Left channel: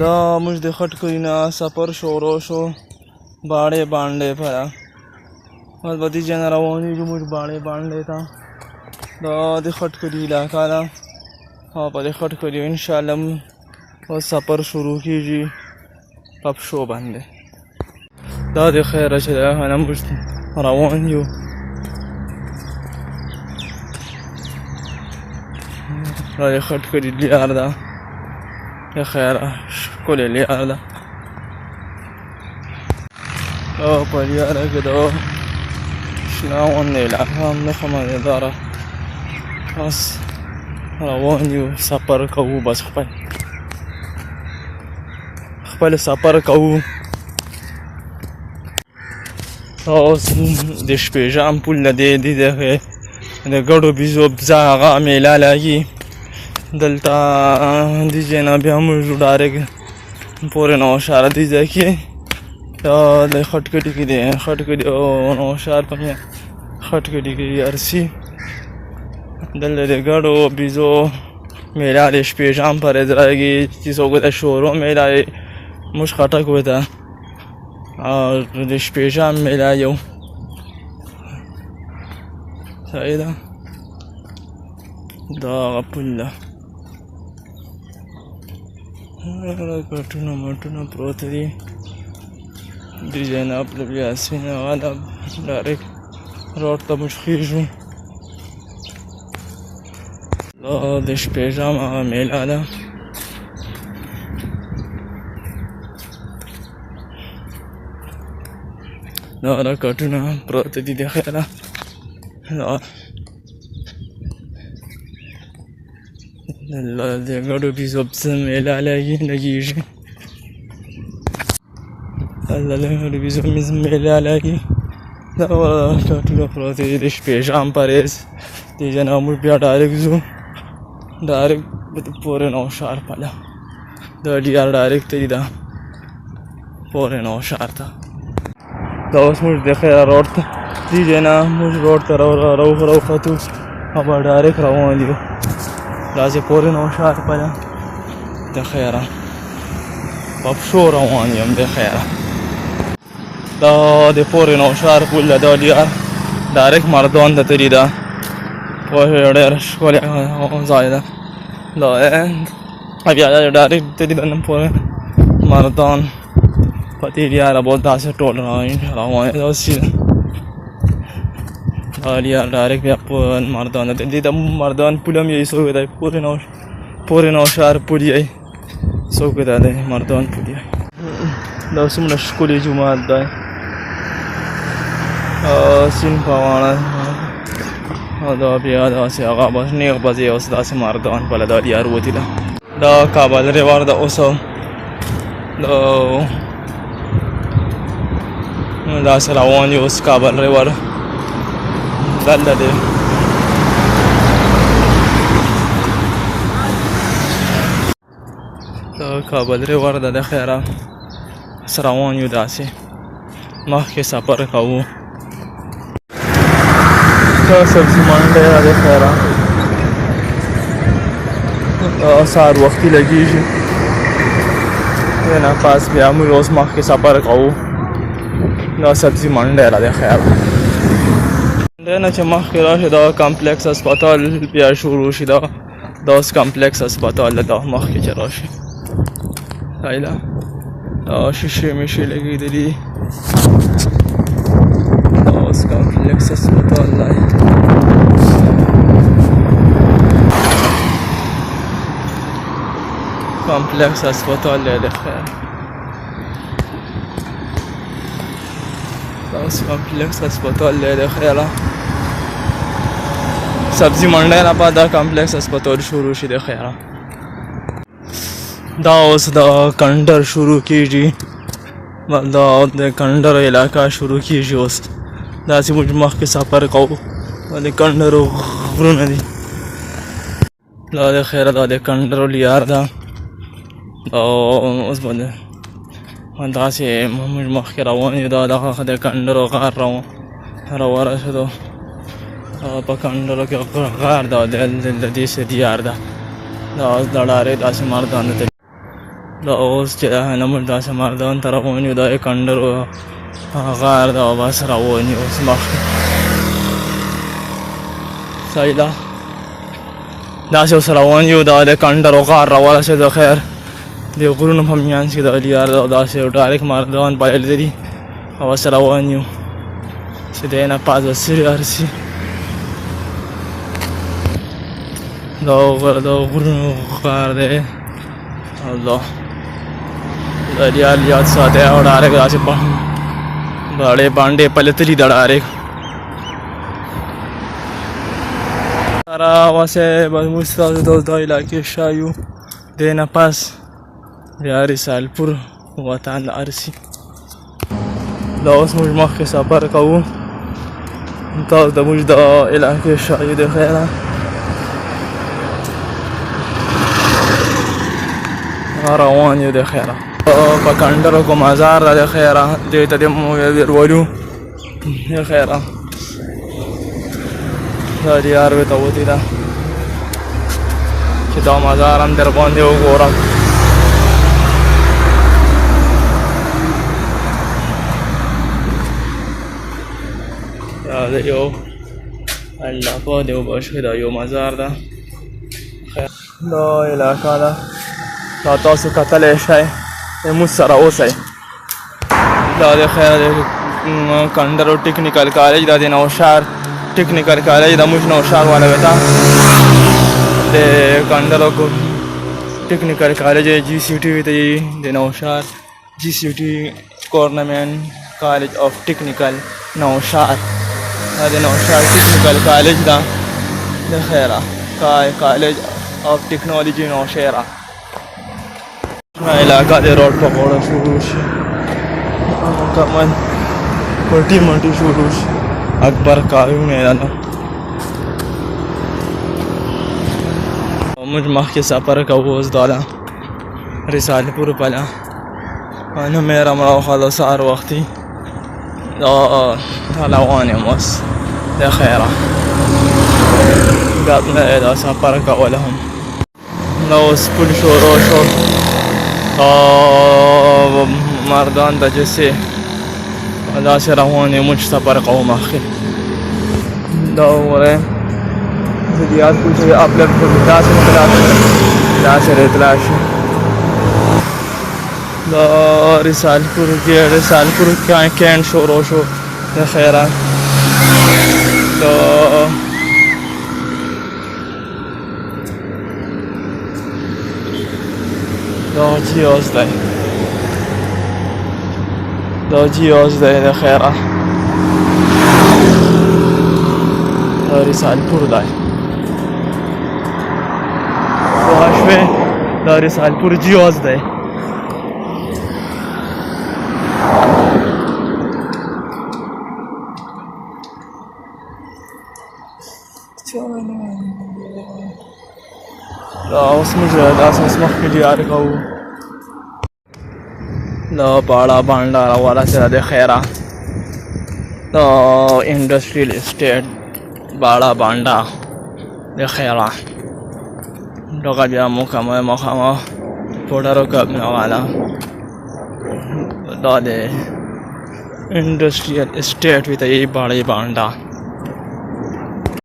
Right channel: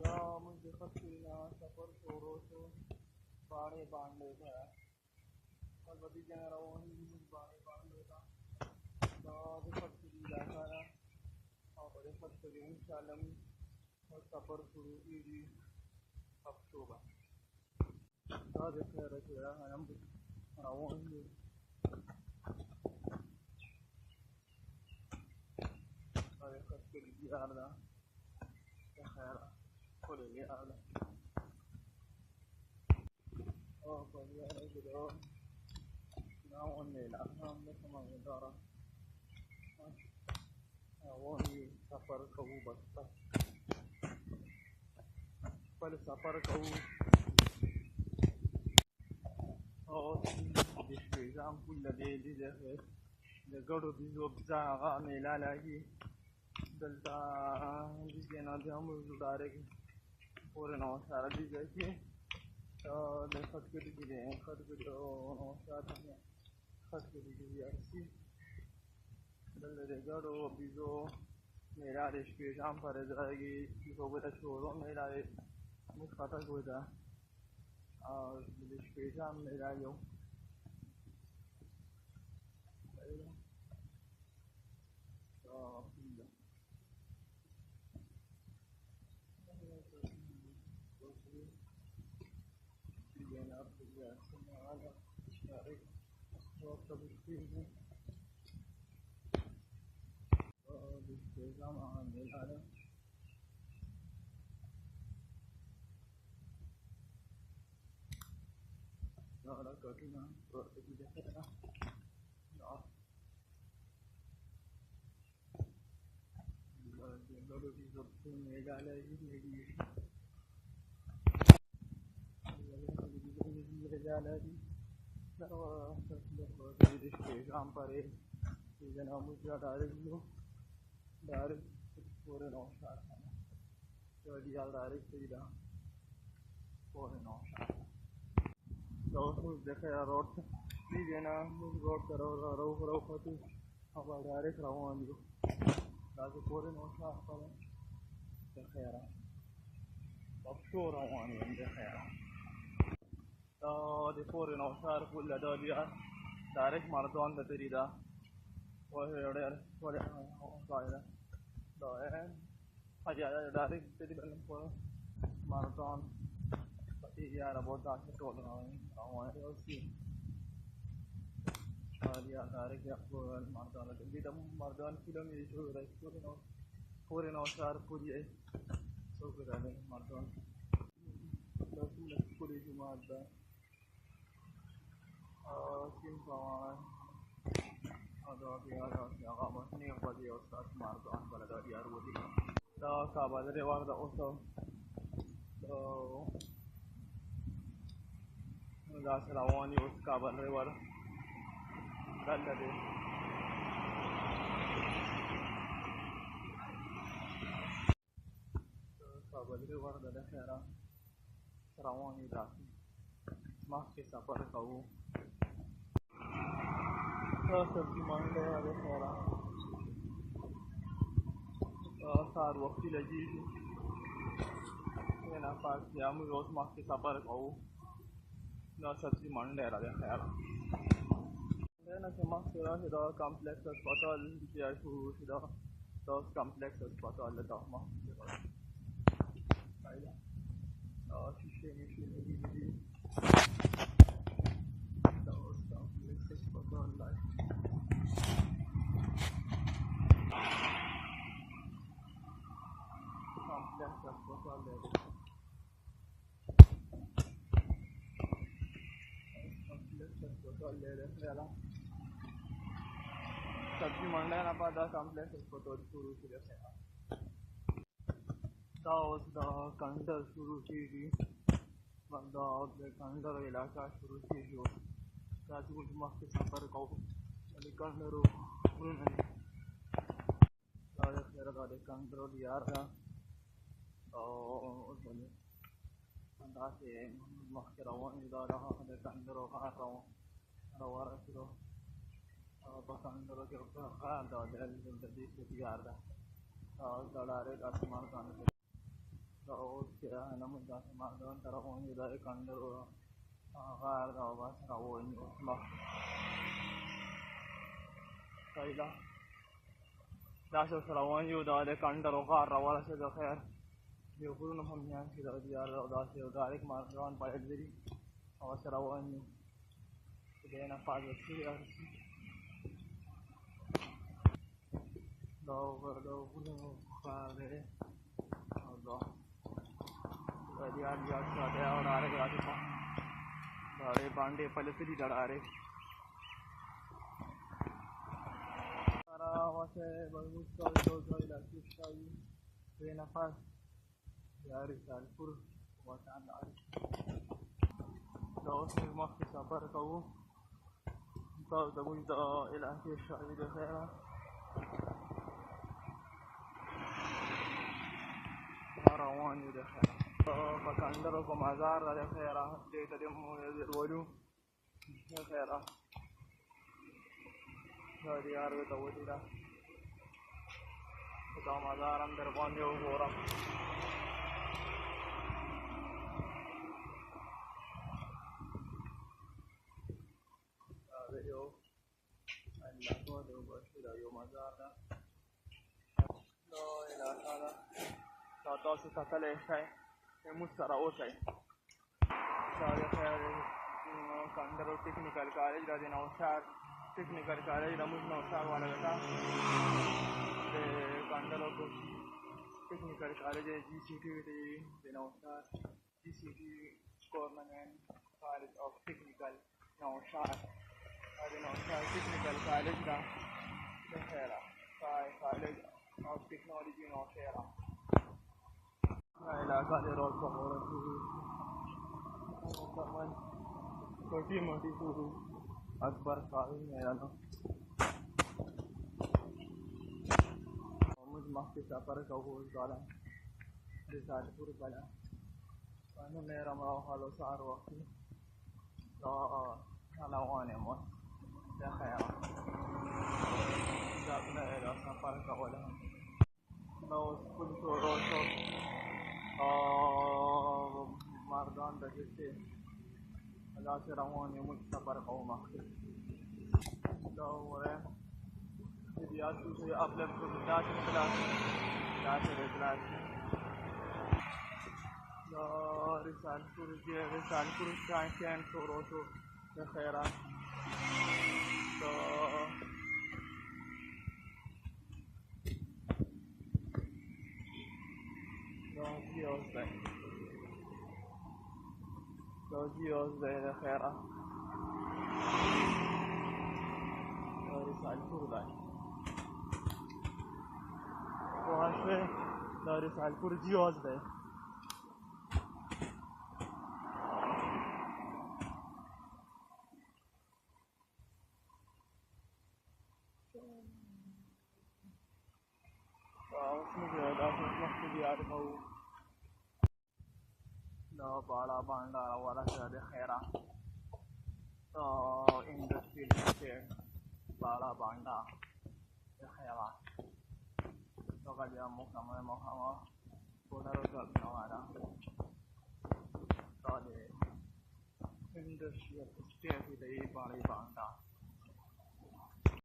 دا موږ د خټکري نه سفر شروع شو باڼې باندې پره بس په دې ځای نه روانېږو موږ باڼې باندې ته. دا د خټکري علاقه ده او په دې خټکري انشاءالله اوس سفر شروع کېږي په پښو باندې. دا د خیره چې ده نه موږ روان یو. دا د خټکري لیار ده د خیره ښکلې لیار ده. او په لیاره کې د شنه غونډې علاقه هم نښه مزېداره. بس روان یو سفر کوو بس خپل سفر کوو. اوس د شپېژام پل د د ګډو بیزو بزه هغه میله لګي دلته دې ځای نه بیا موږ ډایرکټ پورې نوشهر دې ځای کې د خټکټي کې دی خټکټي او نوشهر په میان خټکټي کې ارسي دلته د ګډو بیزو میله د شپېژام پر ځایږي چې څوک د شورو میله موږ خټک وته او د شپېژام میله یو صحیح ده. دا هغه پل ده کټونه مټونه پروته دي دې ځای نه پله بیا سینه هغه ده ډایرکټ روډ ته موږ خېږو. دا د شپېژام هغه میله ده. دا کټونه پروته دي د خیره د ګډو بیزو بزه میله لګېږي د ګډو بیزو میله لګي. دا کټونه پروته دي د شپېژام پرېز دې ځای نه موږ بیا ډایرکټ ځو ډایرکټ پورې نوشهر پله دا ډیار ډایرکټ ته دي دا پورې نوشهر ته. دا اوس موږ د خیره روډ ته دې ځای نه موږ روډ ته راوختو او به ډایرکټ روان یو داسې پورې نوشهر پله د خیره په پښو روان یم د خیره. دا د پورې نوشهر پل ده دا ډیار ډایرکټ مردان ته تللي ده پوه شوې ډېر ښکلی ځای ده دا بیا ډایرکټ تللي ده نه پورې مردان په دې لیاره به داسې ټول روانېداسې دا لیار ډایرکټ بیا مردان ته دې د مردان پل هم یې څوک دی پورې نوشهر پل یې څوک دی دی مردان پل یې. دا څومره ښکلی جومات دی سیند په غاړه او دا بیا داسې هغه بس نیغ بځې اوس داسې مردان پله دا لیار وتې ده. دا کابل ریور ده اوس داسې روان یو اوس کابل ریور دلته دی. دا کابل ریور ده د خیره روان یو داسې مخکې سفر کوو. دا سبزي منډی ده د خیره سهار وختي لګېږي دې نه پاس بیا موږ اوس مخکې سفر کوو. دا سبزي منډی ده د خیره دې نه چې مخکې راشي دا کمپلیکس هسپتال بیا شروع شي دا اوس کمپلیکس هسپتال ده دا مخکې چې راشي صحیح ده. دا شیشې میشې لګېدلي دا اوس کمپلیکس هسپتال دی. کمپلیکس هسپتال دی د خیر دا اوس کمپلیکس هسپتال دی د خیره سبزي منډی نه بعد دا کمپلیکس هسپتال شروع شي د خیره. دا اوس د کنډر شروع کېږي دا د کنډر علاقه شروع کېږي اوس داسې موږ مخکې سفر کوو د کنډرو غرونه دي. دا د خیره دا د کنډرو لیار ده اوس به داسې موږ مخکې روان یو دا دغه د کنډرو غار راورسېدو په کنډرو کې غار ده د دې څه دیار ده دا اوس د ډارې داسې مردان ته دا اوس چې دا نمبر داسې مردان ته روان یو، دا یې کنډر و غار ده او بس روان یو اوس مخکې. صحیح ده، داسې اوس روان یو، دا د کنډر و غار راورسېدو. خیر د غرونو په میانځ کې د الیار ده او داسې یو ډایرکټ مردان بایل لري او اوس روان یو چې دی نه پاس به سري ارسي. دا غرونو غار دی. الله د الیار یاد ساتي او ډایرکټ داسې بړې باندې پلتلي ده ډایرکټ سره واسې بس موږ ستاسو دا علاقې شایو. دی نه پس بیا رسالپور وطن ارسي. دا اوس موږ مخکې سفر کوو. تاسو د موږ د علاقې شایو د خیره روان یو د خیره په کنډرو کو مزار ده د خیره. دې ته د موږ ورولو د خیره دا دیار ورته وتې ده چې دا مزار هم در باندې وګورم. دا د یو الله پاک دی وبښي، دا یو مزار ده. دا علاقه ده، دا تاسو کتلی شئ، موږ سره اوسئ. دا د خیر د کنډرو ټیکنیکل کالج، دا د نوشهر ټیکنیکل کالج د موږ نوشهر والا وتا د کنډرو کو ټیکنیکل کالج جی سی ټي وی ته د نوشهر جی سی ټي گورنمنٹ کالج اف ټیکنیکل نوشهر. دا د نوشهر ټیکنیکل کالج دا د خیره کالج اف ټیکنالوژي نوشهر. علاقه د روډ په غاړه شروع شي، مکمل پټي مټي شروع شي. اکبر کایو میدان موږ مخکې سفر کوو. اوس دا ده رسالپور پله نو مې رامراوخه د سهار وختي دا روان یم اوس د خیره. ګپ نه دی دا سفر کول هم. نو اوس پل شروع شو مردان ته جسې داسې روان یم. موږ سفر کوو مخکې. دا وګورئ زه د یاد پل چې اپلوډ کړم داسې داسې اطلاع شي. دا رسالپور کینټ شروع شو د خیره. دا جیاز دی، دا جیاز دی د خیره. دا رسالپور دی، پوه شوې؟ دا رسالپور جیاز دی. دا اوس موږ داسې اوس مخکې دیار کوو. دا باړه بانډه راورسېده د خیره. دا انډسټریل اسټیټ باړه بانډه د خیره. دغه بیا مکمل مخامخ پوډرو کمپنۍ والا دا د انډسټریل اسټیټ وي ته یې باړې بانډه